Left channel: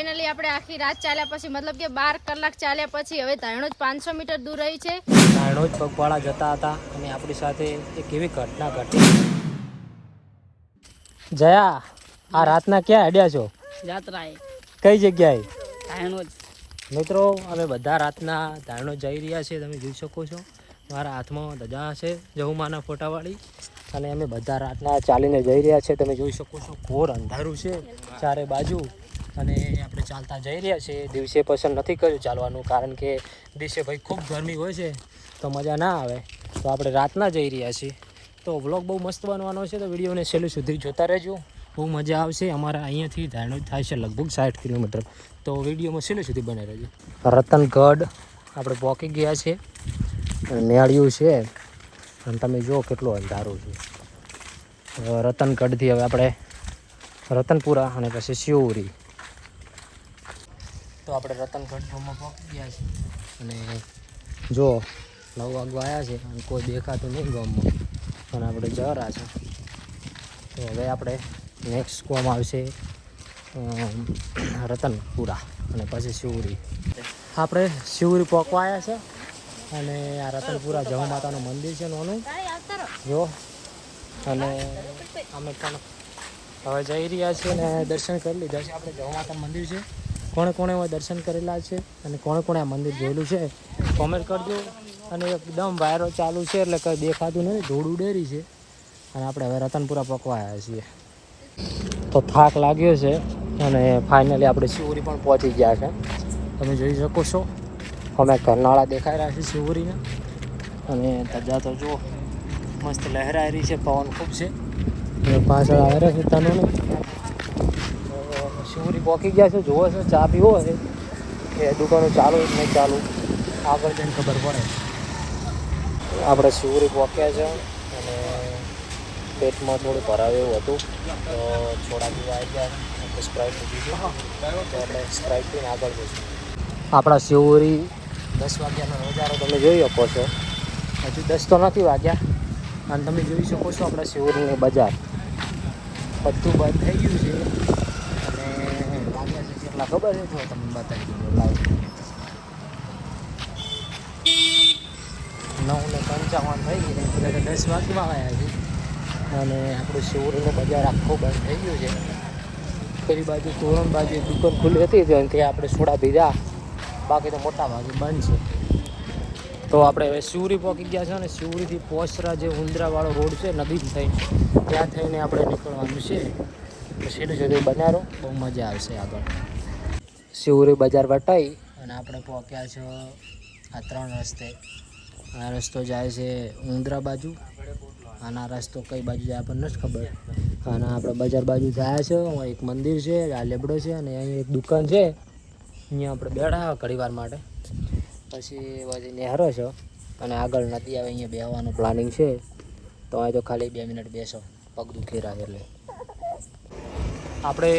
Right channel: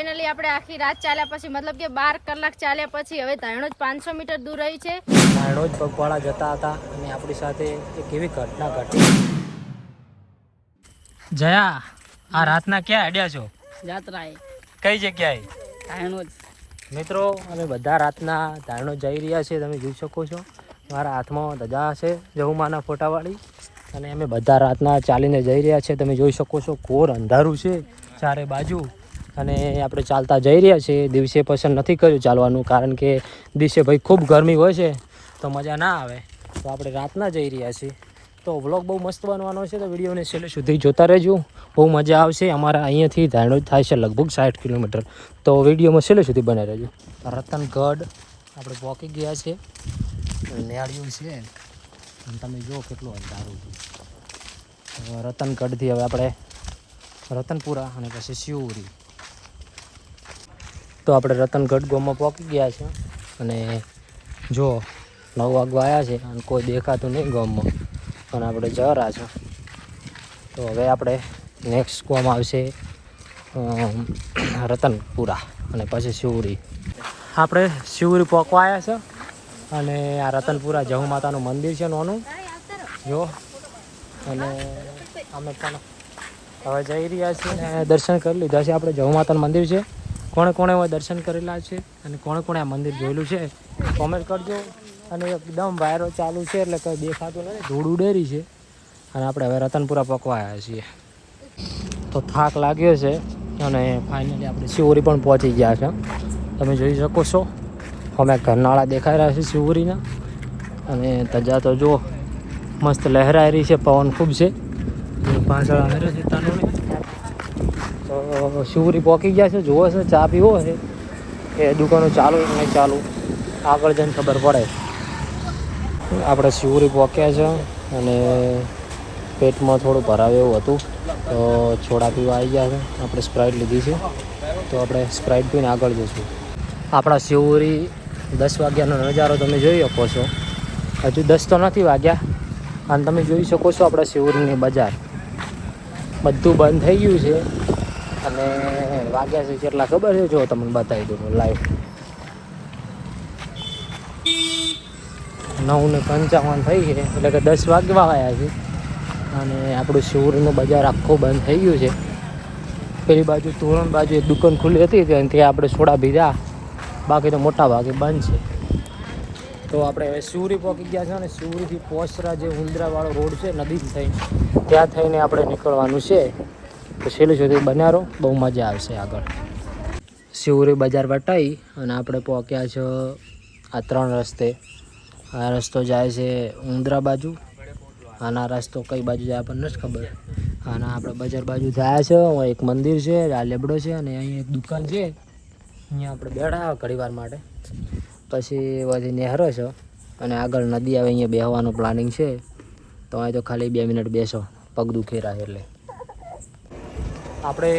Finally આપણે આખી રાત ચાલ્યા પછી મતલબ કે 12 કલાક ચાલ્યા પછી હવે ધાણોજ 500 મીટર દૂર રહી છે. ધાણોજ પગપાળા જતા હતા અને આપણી સાથે એક એવી ઘટના ઘટી. જયા, આ રાતના ક્યાં અડ્યા છો? જાત્રાએ. કઈ જગ્યાએ? ધાણોજ. મિત્રો અમે બધા રાતના ધાણોજ જઈ રહ્યા છીએ. તમે જોઈ શકો છો મારા હાથમાં ધજા છે જહુમાના ફોટાવાળી, અને અમે બધા રાતના ચાલીને જઈ રહ્યા છીએ. તમે જોઈ શકો છો ઘોર અંધારું છે ચારે બાજુ, અને આપણે ચાલતા જઈ રહ્યા છીએ. દિવસે પસંદ નથી કર્યું ચાલવાનું, કારણ કે દિવસે ભાઈ ખૂબ ગરમી હોય છે તો મજા ના આવે, તો આપણે રાતના જઈ રહ્યા છીએ. તો વ્લોગ બહુ મસ્ત બનવાનો છે, તો વિડીયોને છેલ્લે સુધી જોતા રહેજો, બહુ મજા આવશે. અમારા અહીંયાથી ધાણોજ થાય છે લગભગ 60 કિલોમીટર, તો વિડીયોમાં છેલ્લે સુધી બનાવી રહેજો. રતનગઢ આપણે પહોંચી ગયા છે, નેળિયું છે, અને તમે જુઓ કેટલું અંધારું છે. રતનગઢથી હવે આપણે રતનપુરા અને પછી શિવરી. તો આપણે રતનગઢ ગામમાં પહોંચી ગયા છે, અને જો 9 વાગવા આવ્યા છે અને કોઈ દેખાતું નહીં ગામમાં, અને આપણે જઈ રહ્યા છે. તો હવે આપણે નેક્સ્ટ ગામ આવશે રતનપુરા અને પછી શિવરી. આપણે શિવરી પહોંચવા આવ્યા છે, અને આ રતનપુરા જહુ માતાનું મંદિર છે નાનું જો, અને અમે પણ હવે જઈ રહ્યા છીએ અને દર્શન કરી લીધા છે. આપણે જહુ માતાનું મંદિર છે. કોણે કોણે હવે દર્શન કરેલા છે અને કોણે કોણે આ મંદિર જોયેલું છે કોમેન્ટ કરજો. અને એકદમ વાયરો ચાલુ છે એટલે કંઈ દેખાતું નહીં, ધૂળ ઉડેરી છે, અને આપણે હવે રતનપુરા પકવા આવ્યા છીએ. તો થાક લાગ્યો છે અને ફાઇનલી આપણે શિવરી પણ પહોંચી ગયા છે. તમે જોઈ શકો છો અમે કરનાળા દેખાઈ રહ્યા છે શિવરીના, અને ધજા તો જો મસ્ત લહેરાઈ રહી છે, પવન ખૂબ છે, પાછળ આવે છે તનુની. તો શિવરી પહોંચી ગયા છે, જુઓ છે ચા પીવો છે એ દુકાનો ચાલુ આગળ જઈને ખબર પડે. આપણે શિવરી પહોંચ્યા છે અને પેટમાં થોડું ભરાવે એવું હતું, તો છોડા પીવા આવી ગયા છે. આપણે સ્પ્રાઇટ લીધી છે, તો આપણે સ્પ્રાઇટ પીને આગળ જઈશું. આપણા શિવરી 10 વાગ્યાનો નજારો તમે જોઈ શકો છો. હજુ 10 તો નથી વાગ્યા, અને તમે જોઈ શકો છો આપણા શિવરીની બજાર બધું બંધ થઈ ગયું છે. અને વાગ્યા છે કેટલા ખબર છે? જો તમને બતાવી દઉં લાઈવ 9:55 થઈ ગઈ, એટલે કે 10 વાગવા આવ્યા છે. અને આપણું શિવરીનું બજાર આખું બંધ થઈ ગયું છે. પેલી બાજુ તોરણ બાજુ એક દુકાન ખુલ્લી હતી, ત્યાં આપણે સોડા પીધા, બાકી તો મોટા ભાગે બંધ છે. તો આપણે હવે શિવરી પહોંચી ગયા છે, અને શિવરીથી પોસરા જે ઉંદરાવાળો રોડ છે નદી થઈ, ત્યાં થઈને આપણે નીકળવાનું છે. તો છેલ્લે સુધી બનારો, બહુ મજા આવશે આગળ. શિવરી બજાર વટાઈ અને આપણે પહોંચ્યા છે આ 3 રસ્તે. આ રસ્તો જાય છે ઉંદરા બાજુ, આના રસ્તો કઈ બાજુ જાય આપણને નથી ખબર. અને આપણે બજાર બાજુ જાય છે, એક મંદિર છે, આ લેબડો છે, અને અહીં એક દુકાન છે, અહીંયા આપણે બેઠા ઘણી વાર માટે, પછી બધી નહેરો છે, અને આગળ નદી આવે, અહીંયા બેસવાનું પ્લાનિંગ છે. તો અહીં તો ખાલી 2 મિનિટ બેસો, પગ દુખેરા એટલે. આપણે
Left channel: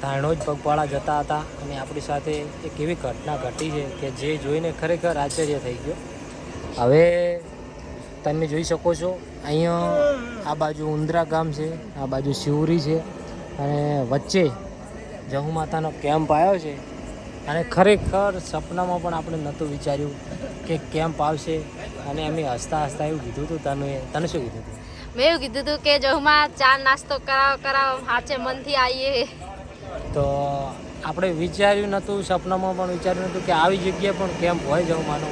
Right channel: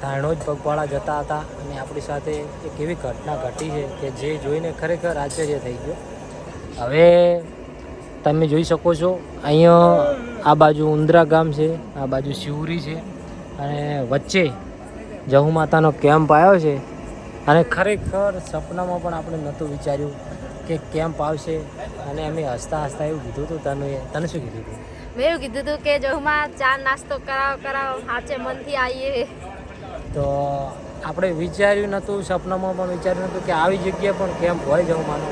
ધાણોજ પગપાળા જતા હતા, અને આપણી સાથે એક એવી ઘટના ઘટી છે કે જે જોઈને ખરેખર આશ્ચર્ય થઈ ગયો. હવે તમે જોઈ શકો છો અહીંયા આ બાજુ ઉંદરા ગામ છે, આ બાજુ શિવરી છે, અને વચ્ચે જહુ માતાનો કેમ્પ આવ્યો છે. અને ખરેખર સપનામાં પણ આપણે નહોતું વિચાર્યું કે કેમ્પ આવશે, અને અમે હસતા હસતા એવું કીધું હતું. તને શું કીધું હતું? મેં એવું કીધું હતું કે જહુમાં ચા નાસ્તો કરાવો સાચે મનથી આવીએ. તો આપણે વિચાર્યું નહોતું, સપનામાં પણ વિચાર્યું નહોતું કે આવી જગ્યાએ પણ કેમ્પ હોય જહુમાનો.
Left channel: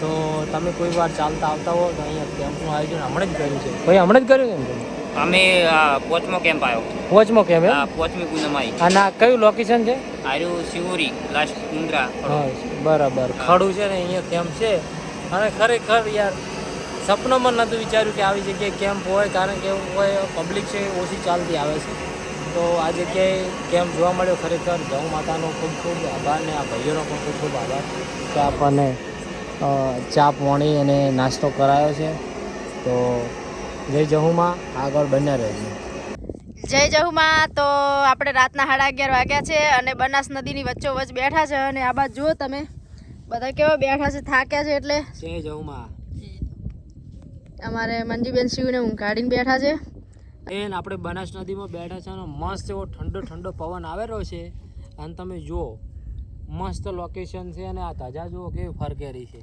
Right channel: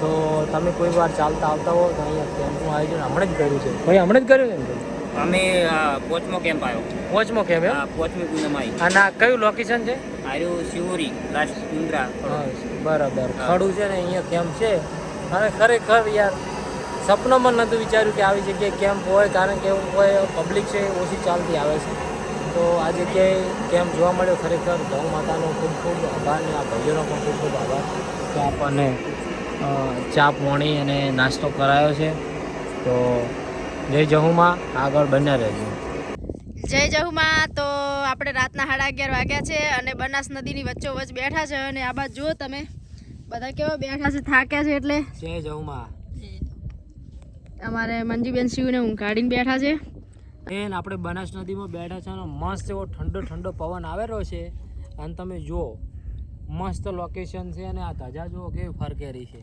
તો તમે કોઈ વાર ચાલતા આવતા હો તો અહીંયા કેમ્પનું આયોજન હમણાં જ કર્યું છે. ભાઈ હમણાં જ કર્યું ને? અમે પોચમો કેમ્પ આવ્યો. પોચમો કેમ્પ? હા, પોચમી પૂનમ આવી. અને આ કયું લોકેશન છે? આર્યું શિવરી લાસ્ટ મુંદ્રા. બરાબર, ખડું છે ને અહીંયા કેમ્પ છે. અને ખરેખર યાર સપનામાં નહોતું વિચાર્યું કે આવી જગ્યાએ કેમ્પ હોય, કારણ કે એવું હોય પબ્લિક છે ઓછી ચાલતી આવે છે. તો આ જગ્યાએ કેમ્પ જોવા મળ્યો. ખરેખર જહુ માતાનો ખૂબ ખૂબ આભાર, ને આ ભાઈઓનો પણ ખૂબ ખૂબ આભાર કે આપણને ચા પાણી અને નાસ્તો કરાયો છે. તો જય જહુમાં, આગળ બન્યા રહેજો. જય જહુમાં. તો આપણે રાતના 11:30 વાગ્યા છે, અને બનાસ નદીની વચ્ચોવચ્ચ બેઠા છે, અને આ બાજુ જુઓ તમે બધા કેવા બેઠા છે, થાક્યા છે. એટલે જય જહુમાં. અમારે મંજીબેન શિવને ઊંઘાડીને બેઠા છે. આપણે બનાસ નદીમાં બેઠા છે, અને મસ્ત એવો ઠંડો ઠંડો પવન આવેલો છે, અને તમે જુઓ મસ્ત લોકેશન છે અને આ ધજા જુઓ કેવી ફરકેરી છે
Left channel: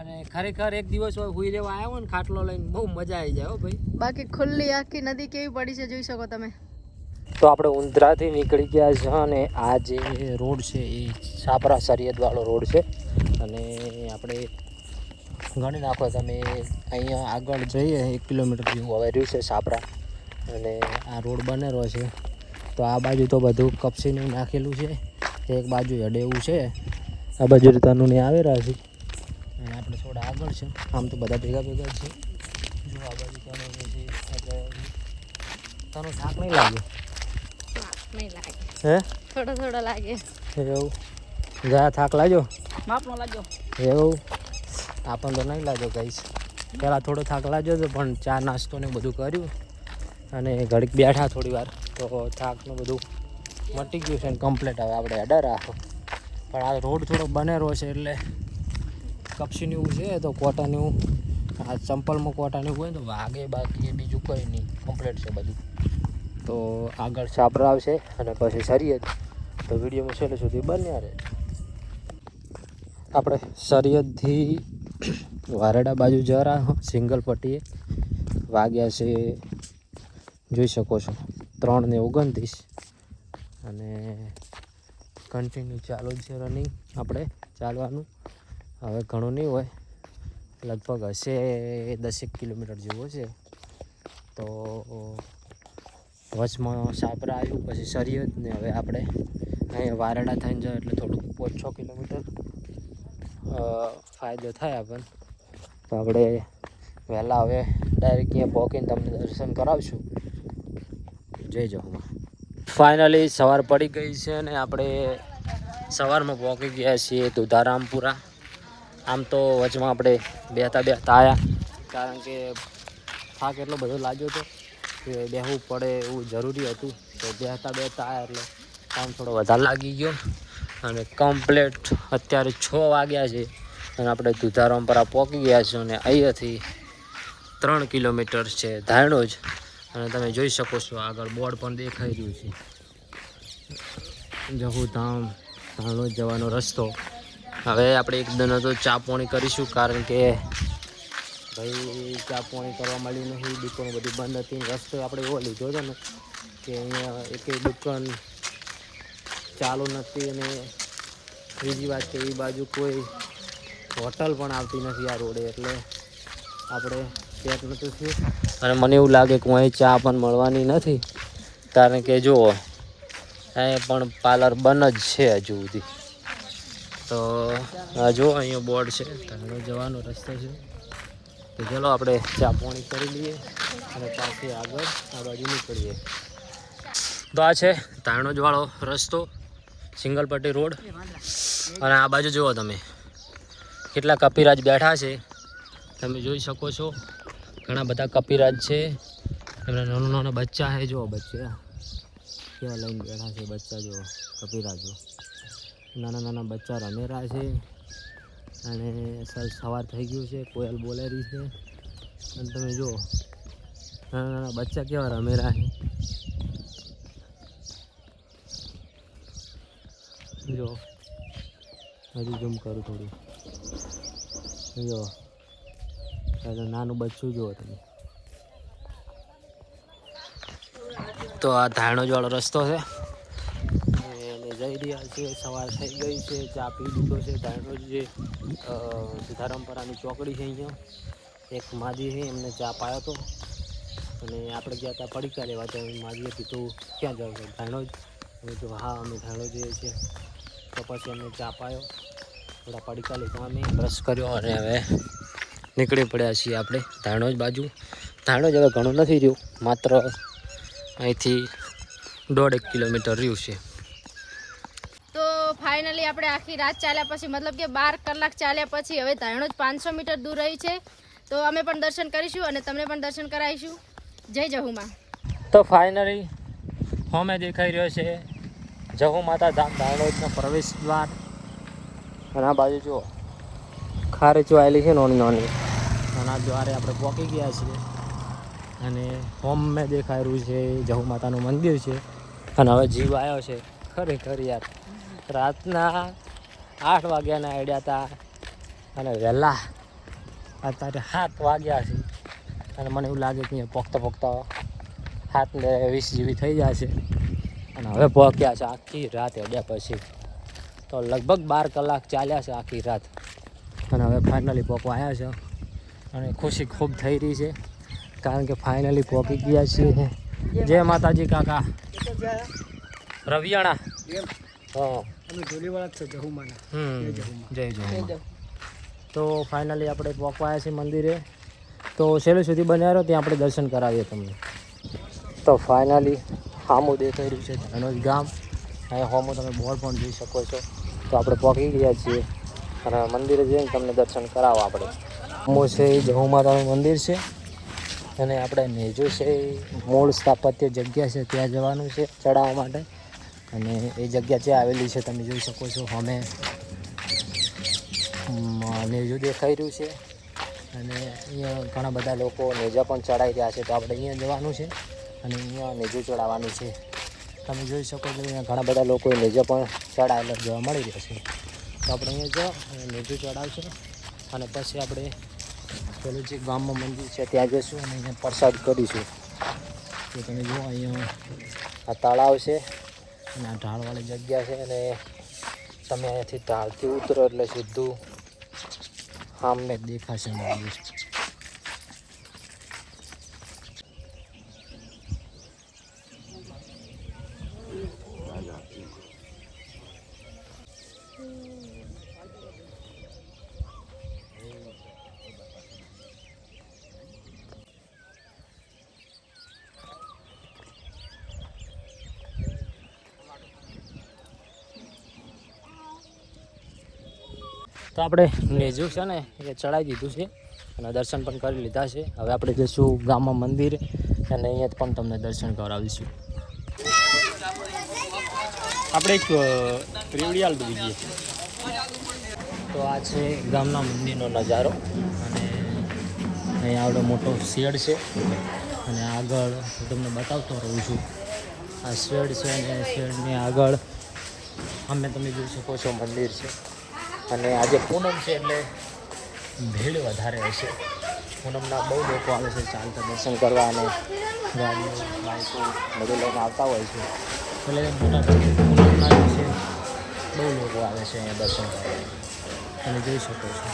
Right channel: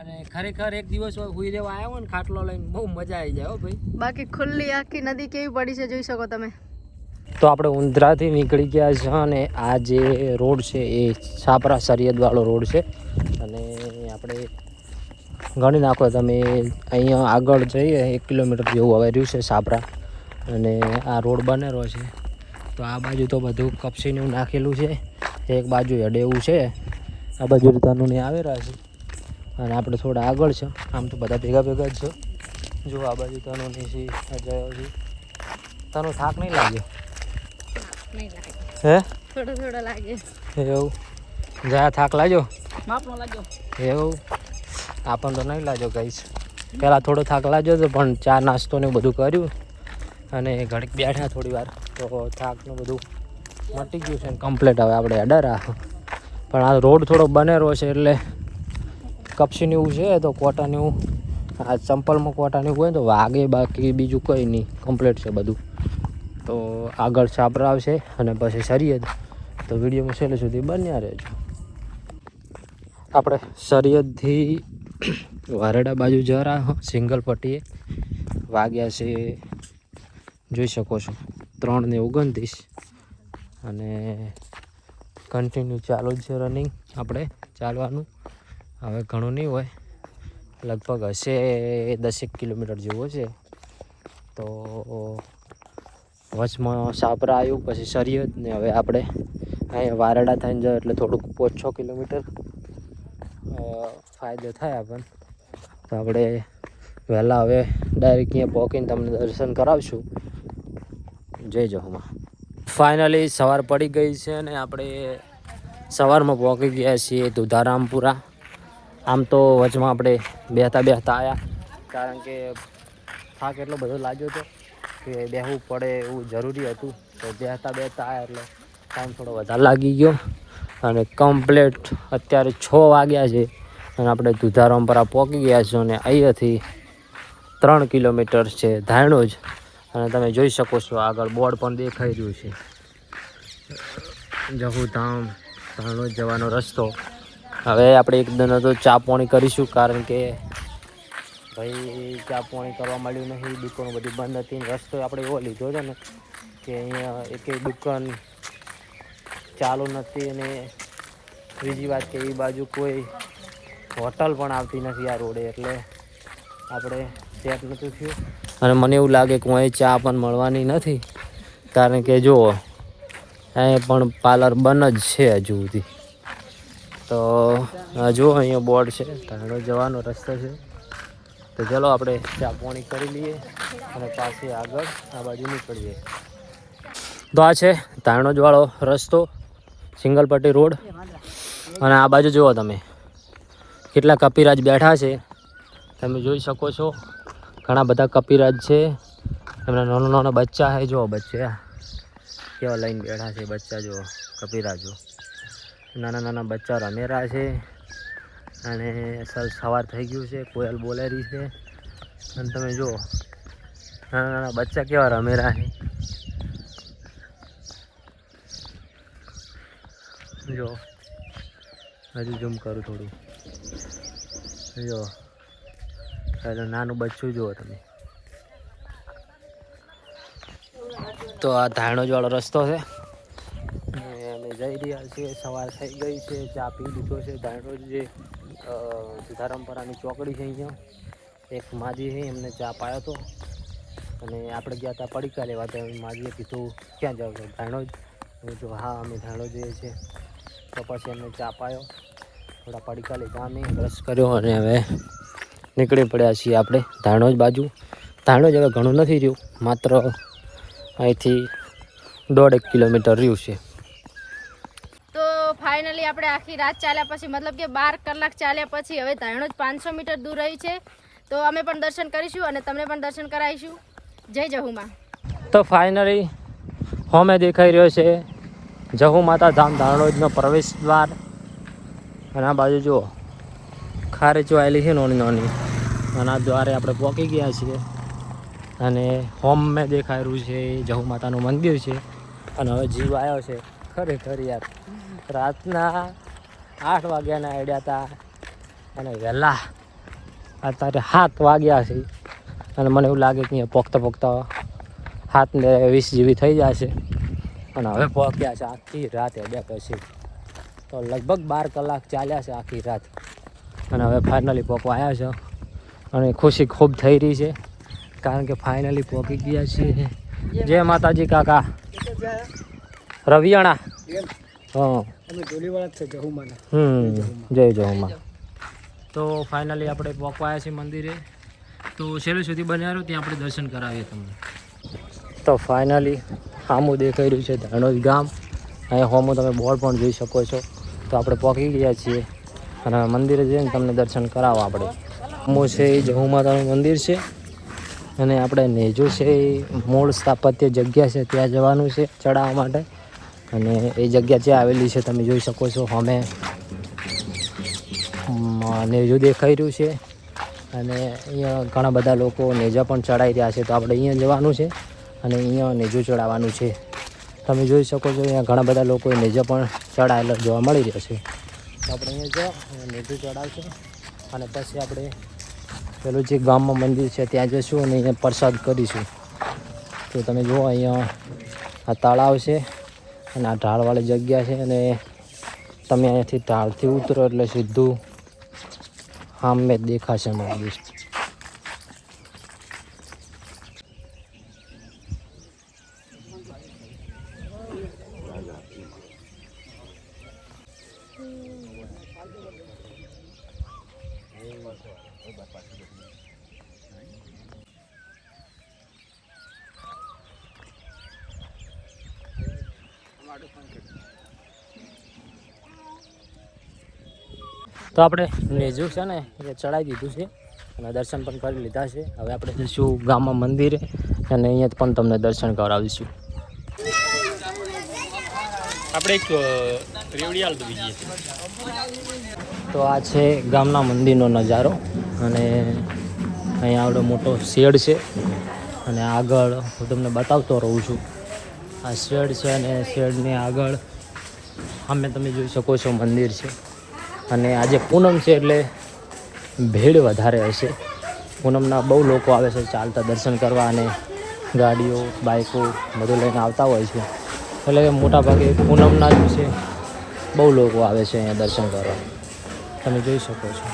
અને ખરેખર એક દિવસ હુઈ રહેવા આવ્યો ને ખાટલો લઈને બહુ મજા આવી જાય હો ભાઈ. બાકી ખુલ્લી આખી નદી કેવી પડી છે જોઈ શકો તમે. તો આપણે ઊંધરાથી નીકળી ગયા છે અને આ જે રોડ છે એ છાપરા સરિયદવાળો રોડ છે અને આપણે ગણી નાખો તમે અહીંયા આગળ જઈએ 1 કિલોમીટર જેવું હવે રહ્યું છે છાપરા અને આ રોડ બનેલો છે. તો આ બાજુ તો બધું કપસીનું નાખેલું છે, એક બાજુ હેડે એવું છે, આ બાજુ રીતાનું ને આવી રહ્યા છે અને આપણે થોડા આગળ છે. આમ તો બધા ભેગા ભેગા જ છે. જો આ બાજુ તનું છે એટલે તનું થાક નહીં લાગ્યો? નહીં લાગે, હે થોડો લાગે એવું? જા થાક લાગ્યો? માપનો લાગ્યો. એવું આપણને તો નહીં લાગ્યો કહીશ. પહેલાં થોડો થાક લાગ્યો હતો પણ ચા નાસ્તો ને બધું કર્યું અને ઘડીક બેઠા થોડી વાર તો થાકનું બધું મટી ગયું છે કમ્પ્લીટ. હવે આપણે અડર પણ આ રોડ થોડો બનેલો છે એટલે કપસીને એવું છે તો કોટાને એવું આ ચંપલમાં કોટાને એવું હોય ને તો વાગે, બાકી બીજું કંઈ નહીં, કમ્પ્લીટ છે બધું. તો આગળ છાપરા આવશે અને પછી સરિયદ. તો વિડીયોમાં છેલ્લે સુધી બન્યા રહેજો. આપણે સરિયદથી વારડા બાજુ જરા સિંગલ પટ્ટીએ વાગ્યા છે જોઈ શકો છો 3:29 અને કન્ટિન્યુ ચાલુ જ છે રનિંગ આપણે ચાલવાનું. હવે ઘણું નહીં હોય, લગભગ હશે 10 કિલોમીટર જેવો છે. તો વચમાં છાપરા આવ્યું પછી સરિયદ ને હવે આપણે અહીંયા વારડા થઈને જાય એટલે થોડુંક 5-6 કિલોમીટર ફાયદો થાય આપણને. આપણે વહેલા હવે ડાયરેક્ટ અહીંયા પહોંચીને તમને દર્શન કરાવશું. જય જહુમાં. ફાઇનલી સવાર પડી ગઈ છે અને આપણે સવારમાં પહોંચી ગયા છીએ દુધારામપુરા. આમ તો વચમાં આપણે બેહતા આવ્યા કારણ કે થાક એટલો બધો લાગ્યો હતો કે બેહવું પડે એવું જરૂરી હતું. તો બેહતા આવ્યા એટલે ટાઈમ થોડો વધારે લાગી ગયો અને કમ્પ્લેટ અત્યારે 6 વાગ્યા છે અને આપણે દુધારામપુરા પહોંચી ગયા છીએ અને અહીંયાથી 3 કિલોમીટર છે ધાણોજ. અને તમે જોઈ શકો છો આગળ બોર્ડ પણ દેખાઈ રહ્યું છે જહુધામ ધાણોજ જવાનો રસ્તો. હવે આપણે એકદમ તો ચા પાણી કરીશું કારણ કે ભાઈ ચા પાણી કરવા મળ્યું નહીં, દુકાનો બધી બંધ હતી. રસ્તો આપણે એવો લીધો હતો ને કે અહીંયા એકેય દુકાન ચાલુ નથી અને બીજી વાત કે એ બાજુ કોઈ હોટલ પણ આવતી નથી આ રોડે, એટલે આપણે સેટ નહોતું થયું. અને મને એવું લાગે કે અહીં ચા પણ મળવાની નથી કારણ કે જુઓ અહીં પણ પાર્લર બંધ જ છે હજુ સુધી. તો જુઓ અહીંયા બોર્ડ છે ધાણોજ જવાનો રસ્તો છે. તો ચલો આપણે ચા પાણી કરી લઈએ અને પાછી આગળ આ બાજુ નીકળીએ. તો આ છે ધાણોજવાળો રસ્તો, સિંગલ પટ્ટી રોડ. અને આ બાજુ જુઓ તમે કેટલા કપિરાજ બેઠા છે, તમે જોઈ શકો છો. ઘણા બધા કપિરાજ છે, એમના નાના બચ્ચા છે. જુઓ બચ્ચા કેવા લઈને બેઠા છે, બચ્ચા જુઓ કપિરાજો નાના બચ્ચા રમેરા છે. અને સવાર થઈ ગયું છે, કોયલ બોલે રહી છે અને તમે જુઓ નાના બચ્ચા કેવા રમેરા છે. જો હજુ ઝૂમ કરું થોડું, જો એટલે નાનું બચ્ચું જુઓ તમે. તો આ ધાણોજવાળો રસ્તો છે અમે જઈ રહ્યા છીએ. સવાર થઈ ગઈ છે, ચા પી લીધો છે. ધાણોજ જે દુધારામપુરાની ચોકડી છે અહીંયા એક માજી છે, એમને ચા પાયો હતો અને આપણે ગયા હતા પડીકા લેવા. તો માજીએ કીધું ક્યાં જાવ છો? ધાણોજ. અમે તો હા અમે ધાણોજ જઈએ છીએ. તો પછી અમને ચા પાયો, થોડા પડીકા લીધા, અમે બ્રશ કર્યો અને હવે નીકળી પડ્યા છીએ આપણે ધાણોજ બાજુ. ધાણોજ હવે ઘણું નથી રહ્યું, માત્ર અહીંથી 1.5 કિલોમીટર રહ્યું છે. તો ફાઇનલી આપણે આખી રાત ચાલ્યા પછી મતલબ કે 12 કલાક ચાલ્યા પછી હવે ધાણોજ 500 મીટર દૂર રહ્યું છે. તો અમે પણ દર્શન કરીશું અને તમને પણ દર્શન કરાવીશું. જય જહુમાં. તો ફાઇનલી હોમે દેખાઈ રહ્યો છે જહુ માતા ધામ ધાણોજનો પ્રવેશ દ્વાર. અને આ બાજુ જુઓ ખારેચો આવેલી છે નાની અને આ દ્વારે આપણે પહોંચી ગયા છીએ. અને હોમ મેં દેખાઈ રહ્યું છે જહુ માતાનું મંદિર છે. અને હવે જીવ આવ્યો છે ખરેખર યાર રાતના 8 વાગ્યાના આડ્યા હતા અને વહેલા અત્યારે 7 વાગ્યા છે અને મને એવું લાગે કે અહીંયા પોગતા 7:20 જેવી થઈ જશે અને હવે પહોંચ્યા છે આખી રાત અડ્યા પછી તો લગભગ 12 કલાક ચાલ્યા છે આખી રાત અને હવે ફાઇનલી પહોંચવા આવ્યા છે અને ખુશી ખૂબ થઈ રહી છે કારણ કે ફાઇનલી પહોંચી ગયા છીએ. જય માતાજી કાકા. રવિયાણા. હા જય જહુમા. તો ફાઇનલી આપણે પહોંચવા આવ્યા છીએ મંદિરે તો છેલ્લે સુધી બન્યા રહો ત્યાં આપણે દર્શન કરાવીએ તમને. તો ફાઇનલી સામું દેખાઈ રહ્યું છે ધાણોદ ગામ. અહીંયા સામું તમે બોર્ડ પણ જોઈ શકો છો. તો આપણે પહોંચી ગયા છીએ અને મંદિરે જઈને તમને દર્શન કરાવવા પડે. સામું છે એ જહુ માતાનું મંદિર છે અને આપણે નેજુ છે એ મૂળ સ્થાપત્ય જગ્યા છે ત્યાં જવાનું છે ચડાવવા માટે અને એ જગ્યા જ્યાં આવેલી છે તમે જોઈ શકો છો. અમે નેજુ દેખાઈ રહ્યું છે અને અહીંયા ઘણા બધા લોકો નેજા પણ ચડાવી રહ્યા છે તો આપણે અહીંયા જવાનું છે અને અહીંયા નેજુ ચડાવવાનું છે. તમે જોઈ શકો છો અહીંયા ઘણા બધા લોકો નેજા પણ ચડાવેલા જોવા મળી રહ્યા છે. તો આપણે અહીંયા જાઓ અને નેજુ ચડાવશે અને પછી આપણે પેલું જે ગામમાં મંદિર છે ત્યાં જઈશું અને અહીંયા પ્રસાદ કરીશું. તો તમે જુઓ અહીંયા આ તળાવ છે અને આ ઢાળવાળી જગ્યા છે અને તમે અહીંયાથી ઢાળથી ઉતરો એટલે સીધું સામે દેખાશે મંદિર. તો આપણે નેજુ છે ને એ ચડાવી દીધું છે અને દર્શન પણ કરી લીધા છે. હવે આપણે જઈશું ગામમાં મંદિરે અને અહીંયા પણ તમને દર્શન કરાવીશું. આપણે તો આ છે ગામના મંદિરનો નજારો અને અહીંયા આવડો મોટો શેડ છે અને આગળ હું તમને બતાવતો રહું છું. આ શેડ છે અને શેડની આગળ અમે તમે જોઈ શકો છો મંદિર છે અને આજે પૂનમ છે એટલે ભીડ વધારે હશે. પૂનમના બહુ લોકો આવે છે ચાલતા દર્શન કરવા અને ગાડીઓ બાઇકો બધું લઈને આવતા હોય છે એટલે મોટાભાગે પૂનમના જ છે બહુ લોકો આવે છે અહીંયા દર્શન કરવા તમે જોઈ શકો છો.